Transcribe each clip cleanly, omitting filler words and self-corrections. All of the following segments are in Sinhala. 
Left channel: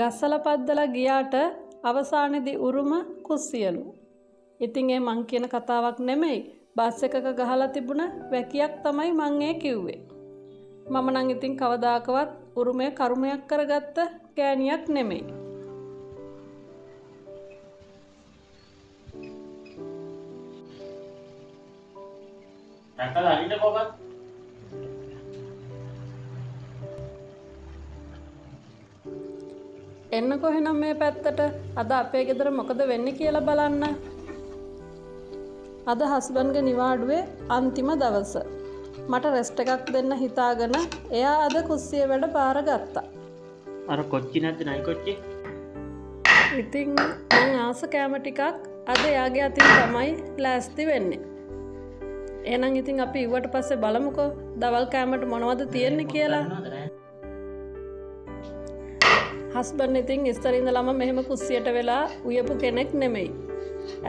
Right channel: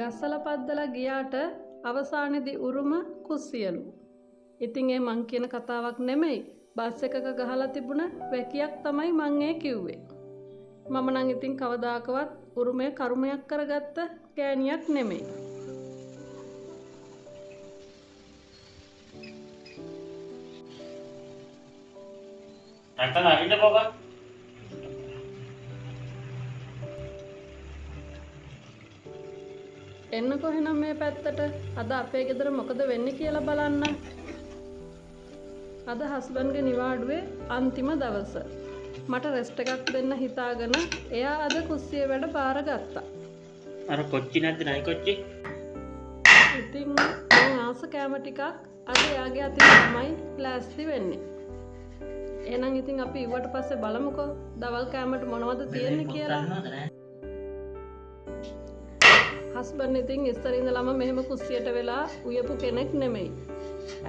ගස්සල පද්දලා ගියාට අවසානයේදී උරුම කුස්සියලු. ඉතින් ඒ මං කියන කතාවක් නෙමෙයි. බස් එකක ගහලා තිබුණ වැකියක් තමයි මං ඒ කිව්වේ. මම නම් ඉතින් කවදාකවත් උරුමය කර්මයක් කරගත්ත ගෑණියක් නෙමෙයි. දැක්කද අනිත් කොබක්? එන්නකො එහෙනම් මේ පැත්තට. අද අපේ ගෙදර මොකද වෙන්නේ කියලා බලන්න. අද හස්බන්ඩ්ගේ නිවාඩුවේ අන්තිම දවස. මට රෙස්ට් එකක් දෙන්න හිතාගෙන එයා අද කුස්සිය වැඩ බාරගත්තා. අර කොච්චි නැද්ද නයි කොච්චි? ඉතින් මං ආස කෑම ටිකක් අද එයාගේ අතින් තමයි ලෑස්ති වෙන්නේ. එහෙනම් ඉතින් අපි ඉව්වට පස්සේ බලමුකෝ දවල් කෑමට මොනවද තියෙන්නේ කියලා. හස්බන්ඩ් ඉතින් ඉස්සර ඉඳලම මෙහෙම කුස්සියට වෙලා උයපු කෙනෙක් නෙමෙයි.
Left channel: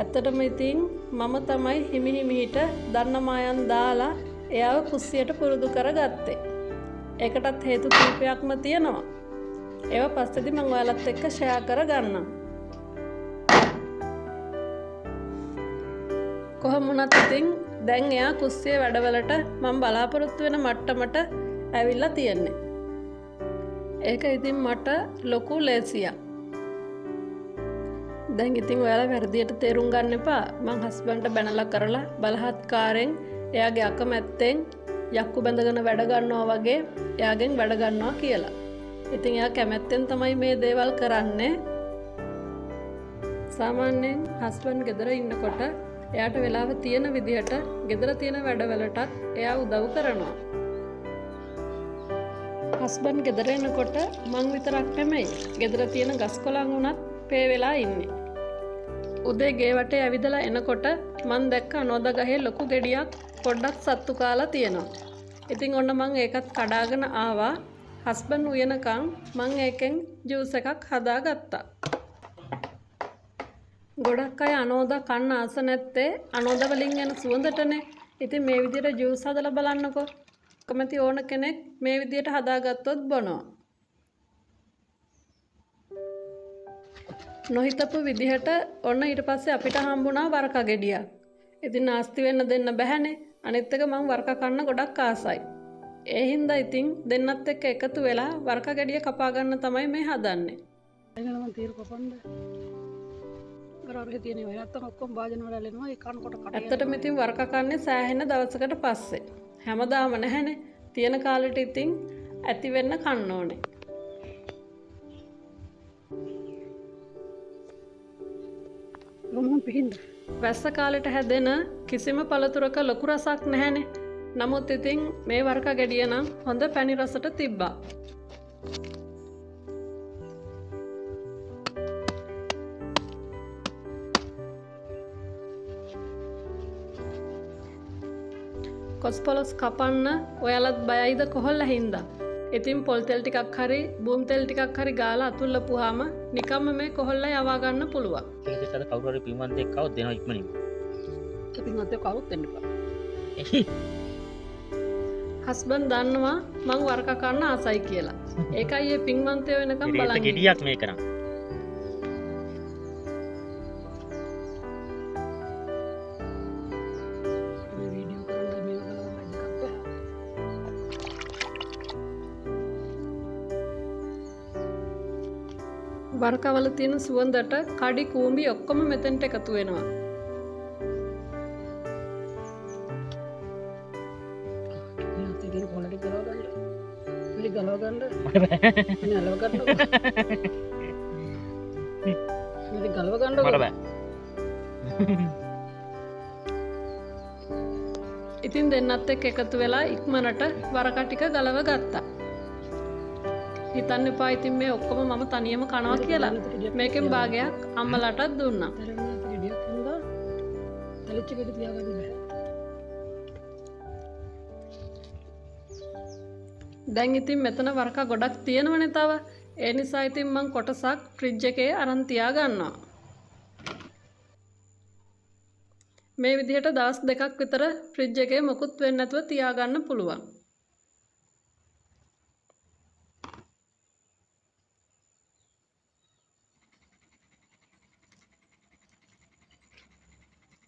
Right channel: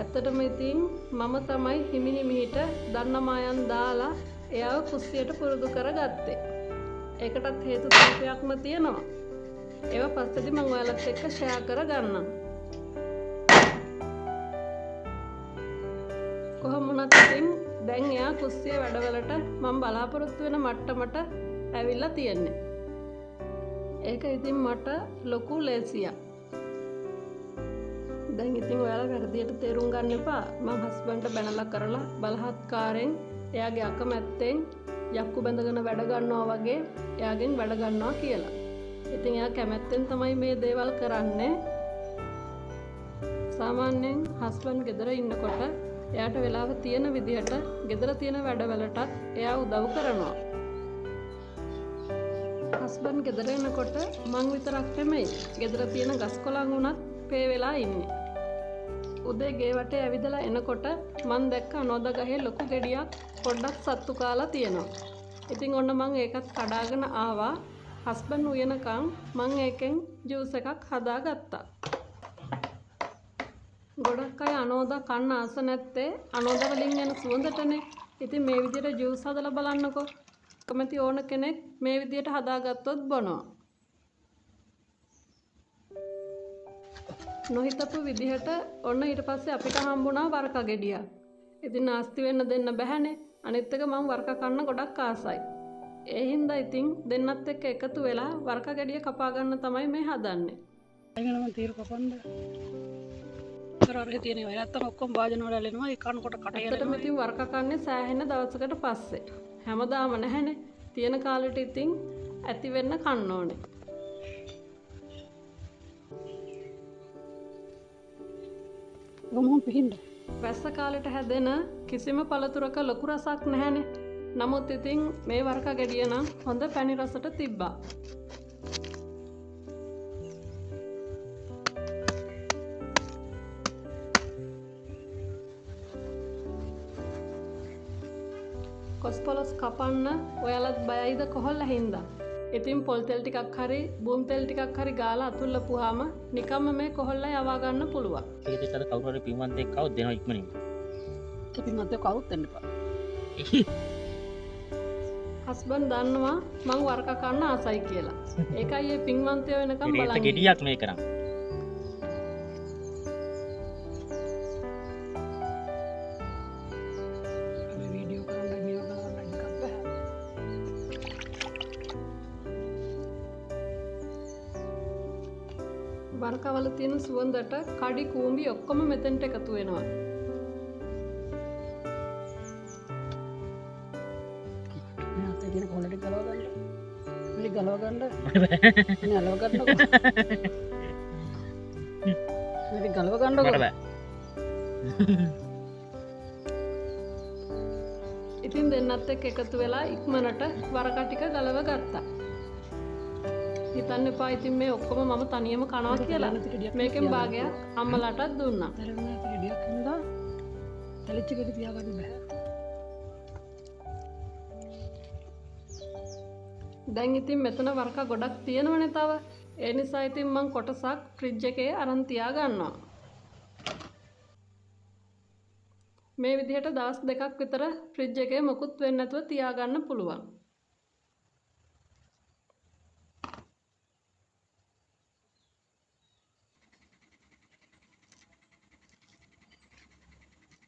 ඇත්තටම ඉතින් මම තමයි හිමි හිමිහිට දන්නමායන් දාලා එයාව කුස්සියට පුරුදු කරගත්තේ. ඒකටත් හේතු කීපයක්ම තියෙනවා. ඒවා පස්සේදී මම ඔයාලත් එක්ක ෂෙයා කරගන්නම්. කොහොම වුණත් ඉතින් දැන් එයා කුස්සියේ වැඩවලට මම බලාපොරොත්තු වෙන මට්ටමට ඇවිල්ලා තියෙන්නේ. ඒක ඉතින් මට ලොකු ලේසියක්. දැන් ඉතින් ඔයාලා වැරදියට තේරුම් ගන්න එපා. මං හස්බන්ඩ්ට බැනලා කරලා බලහත්කාරයෙන් එයාගේ අකමැත්තෙන් යක්කු බැඳගෙන වැඩ ගන්නවා වගේ එයාගෙන් වැඩ ගන්නවා කියලා. ඉතින් එයා කැමැත්තෙන් තමයි මේ දේවල් කරන්නේ. සාමාන්‍යයෙන් හස්බන්ඩ් ගෙදර ඉන්නකොට එයාට වෙලාව තියෙන විදිහට ගෙදර තියෙන වැඩවලටත් එයා උදව් කරනවා. හස්බන්ඩ් ගෙදර එනකොට මං විතරක් නෙමෙයි ගෙදර තියෙන ගස් කොළන් උනත් පේ වෙලා ඉන්නේ. උදේ ගේ වටේ ඇවිදලා එනකොට මං දැක්ක අනෝද ගහේ ලොකු ගෙඩියක් පොඩ්ඩක් සත්තු කාලා තියෙනවා. ඉතින් ඔන්න මං ඒකත් කඩාගෙන ආවා. හස්බන්ඩ් උයනකම් මං ඒකෙන් ජූස් එකක් හදාගත්තා. ගොඩක් අය අනෝදා කන්න ආස නැත්තේ අනෝදා වලින් එන සුවඳටනේ. ඉතින් මේ විදිහට ජූස් හදලා බලන්නකෝ. කැමති ඕන කෙනෙක් මේ විදිහට හදාගත්තොත් බොනවා. නොහිතපු විදිහට ඔන්න ඊට පස්සේ අපිට හම්බුණා වරක ගෙඩියක්. ඉතින් නාස්ති වෙන්න දෙන්න බැහැනේ. අනිත් එක මම වරක කන්න ගොඩක් ආසයි. ඒ හින්දා ඉතින් දෙන්නත් එක්ක එකතු වෙලා වරක ගෙඩිය කපා ගන්න තමයි මේ හදන්නේ. එංගන මම තීරු කපන්න. කරාරේ තියෙන ඒවා නැත්තම් ඔක්කොම වාජන වල එනවා ඒ කනකොට කට යනවා. ඇත්තටම ඉතින් වරක කන්නේ සෑහෙන දවසකට පස්සේ. හැමදාම නැහැනේ. තියෙන කාලෙට ඉතින් ඇති වෙන්න කන්න ඕනේ. ගොමුන් පිහින්න. වැස්ස කාලෙට හැදෙන කිසිම පළතුරක ලොකු රසක් නැහැනේ. නමුත් ඉතින් මේ වරක ගෙඩිය නම් හොඳ පැණි රසට තිබ්බා. කොස්පොලොස් කපන්න ඔයාලත් බයයිද කොහොල්ලා හින්දා. ඉතින් පොල් තෙල් ටිකක් හරි බූම් තෙල් ටිකක් හරි ගාලා අතුල්ලපුවාම නිකම්ම මේ කොහොල්ලා යවා ගන්න පුළුවන්. ඒකත් අද කවුරු හරි පින්වන්තෙක් ආවොත් දෙනවා ඉක්මනින්ම. පින්වන්තයෙක් කවුරුත් එන්න එපා. හස්බන්ඩ් දන්නවා මං වරක කන්න ආසයි කියලා. ඒකයි ඒ පින්වන්තයෝ වෙනකම් බලන් ඉන්නේ. ගෙඩියක් මේ කරන්. මේ වීඩියෝ කරන්න මේව ගලවන්න එකක් බෑ. වරකවල තියෙන සුවඳට කඩි කූඹි ඔක්කොම මෙතෙන්ට එකතු වෙනවා. මේ තියෙන පොලටි ගලව ගන්න. පිළි ගලව ගන්න. මේ අලව ගන්නකො. මේ ගලව ගන්නකො. මට බෑ. ඉතින් දෙන්නත් එක්ක එකතු වෙලා ඉක්මනට වරක ටික ගලව ගත්තා. හිතන්න එපා ඉතින් මේ ඔක්කොම මම තනියම කනවා කියලා. මේකෙන් භාගයක් අම්මලාටත් දුන්නා. තරවුණා ගෙඩියක් හින්දා තලිච්ච ගෙඩි තියාගන්න බෑ. දැන් ඉතින් මෙතන වරක ගොඩක් තියෙනවනේ තව. ඒ නිසා ඉතින් මං කොටසක් ෆ්‍රිජ් එකේ අරන් තියා ගන්නවා. මේ විදිහට දවස් දෙකක් විතර ෆ්‍රිජ් එකේ මොකුත් වෙන්නේ නැතුව තියාගන්න පුළුවන්.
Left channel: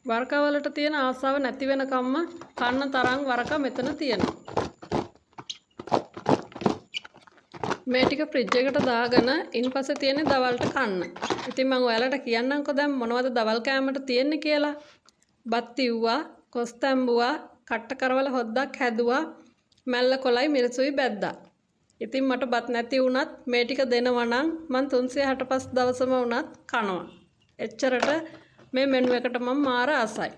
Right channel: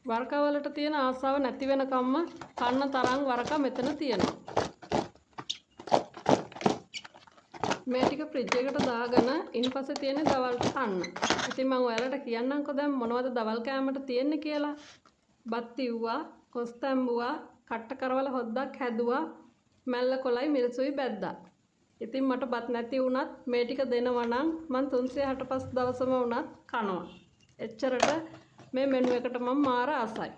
වරකවලට තියෙන ආසාව නැති වෙනකම්ම කන්න තරම් වරක මෙතන තියෙනවා. මේ ටික ෆ්‍රිජ් එකට දාගෙන ඉන්පස්සේ තියෙන්නේ දවල්ට කන්න. ඉතින් මම ඔයාලට කියන්නම්කෝ දැන් මොනවද දවල් කෑමට තියෙන්නේ කියලා. බත් ඉව්වා, කොස් තැඹුවා, කට්ට කරවල හොද්දක් හැදුවා, මැල්ල කොලයි මිරිසුයි බැද්දා. ඉතින් මට බත් නැති වුණත් මේ ටික දෙනවා නම් මං 365 දවසම වුණත් කනවා. එච්චරට මේ මෙනු එකට මම මාර ආසයි.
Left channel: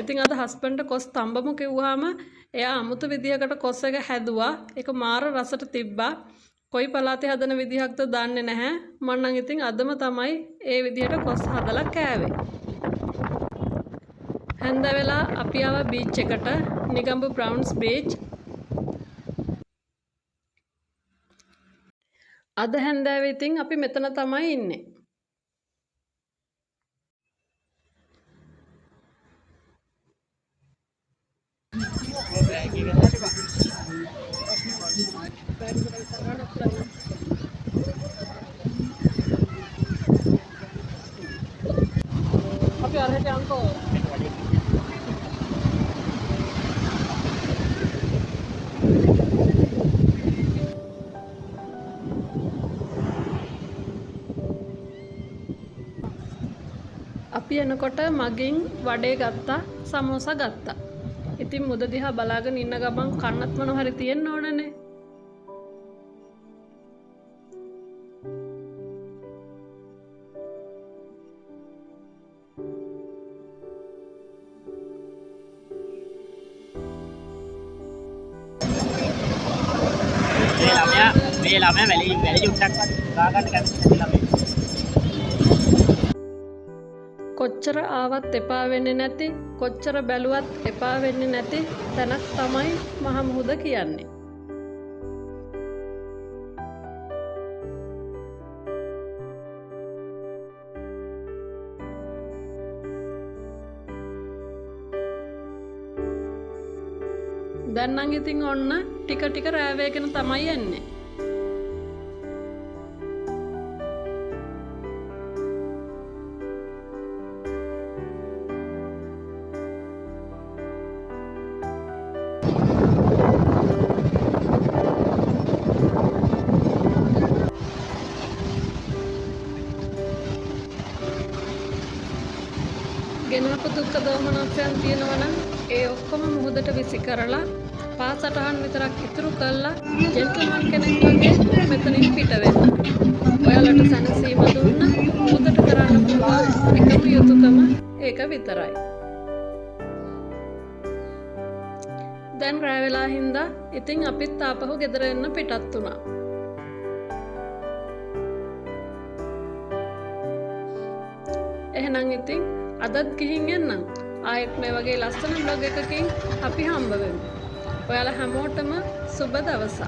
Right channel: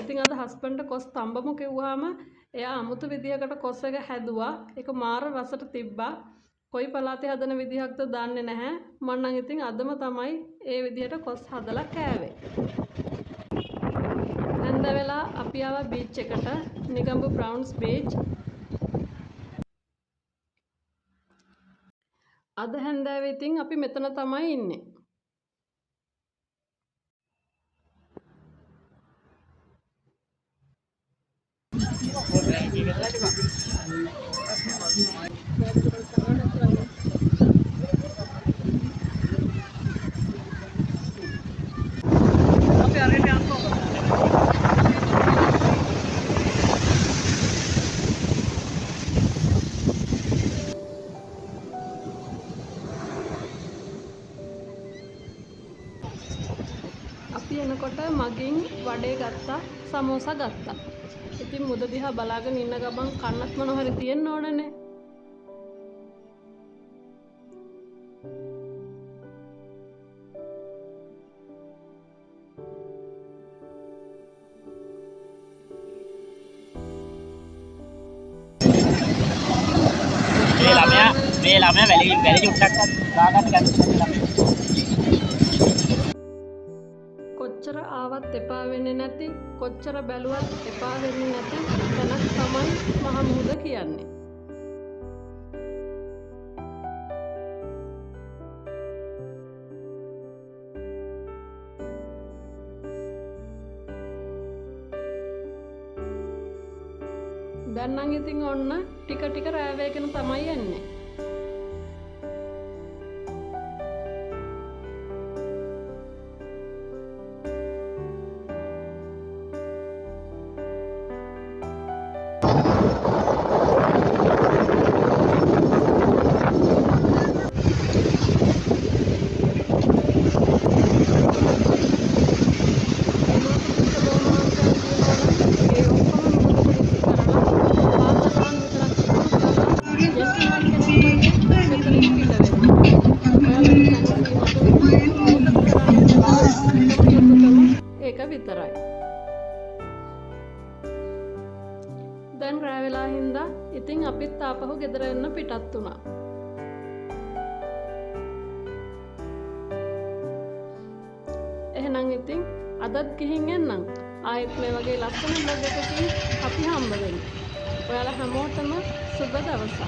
ඉතින් අද හස්බන්ඩ් කොස් තඹමු කිව්වහම එයා අමුතු විදියකට කොස් එක හැදුවා. ඒක මාර රසට තිබ්බා. කොයි පළාතේ හදන විදිහක්ද දන්නේ නැහැ. මම නම් ඉතින් අදම තමයි ඒ විදිහට කොස් හදලා කෑවේ. හැන්ද වෙලා අපි ආවා බීච් එකට, නිගම්බු බ්‍රවුන්ස් බීච්. අද හැන්දෑවේ ඉතින් අපි මෙතන තමයි ඉන්නේ. අපි අරහෙට යන්කෝ. අපි එනකොට මගෙන් වඩේ ගත්තා, සමෝසා ගත්තා. ඉතින් මුද දිහා බලාගෙන ඉන්න ගමන් කන්නත් මොන හරි තියෙන්න ඕනනේ. මේ ළමයා වැලි චුට්ටක් දාගන්න කැමති ළමයා. කොච්චර ආවත් එපා වෙන්නේ නැති, කොච්චර බැලුවත් එපා වෙන්නේ නැති තැනක් තමයි මහ මුහුද කියන්නේ. දැන් නම් ඉතින් ඔන්න ටික ටික රෑ වේගෙන තමයි එන්නේ. එනකොට දුක්ඛ දෝමනස්යන් තියෙනවනම් ඒ ඔක්කොම මුහුදට විසි කරලා පාසටහන් විතරක් ඉතුරු කරලා ජෙන්ටල්මන් කෙනෙක් වගේ මෙතනින් පිට වෙන්න. ඔයාලට සැනසීම දුන්න මුහුදට කරන්න පුළුවන් එකම යුතුයකම ඒක විතරයි. දැන් රෑ වෙලා හින්දා ඉතින් අපිත් ආපහු ගෙදර එන්න පිටත් වුණා. එහෙනම් ඉතින් අදත් ගිහින් එන්නම්. ආයෙත් මේ වගේ ලස්සන බ්ලොග් එකකින් අපි හම්බ වෙමු. ඔයාලා හැමෝටම සුබ දවසක්.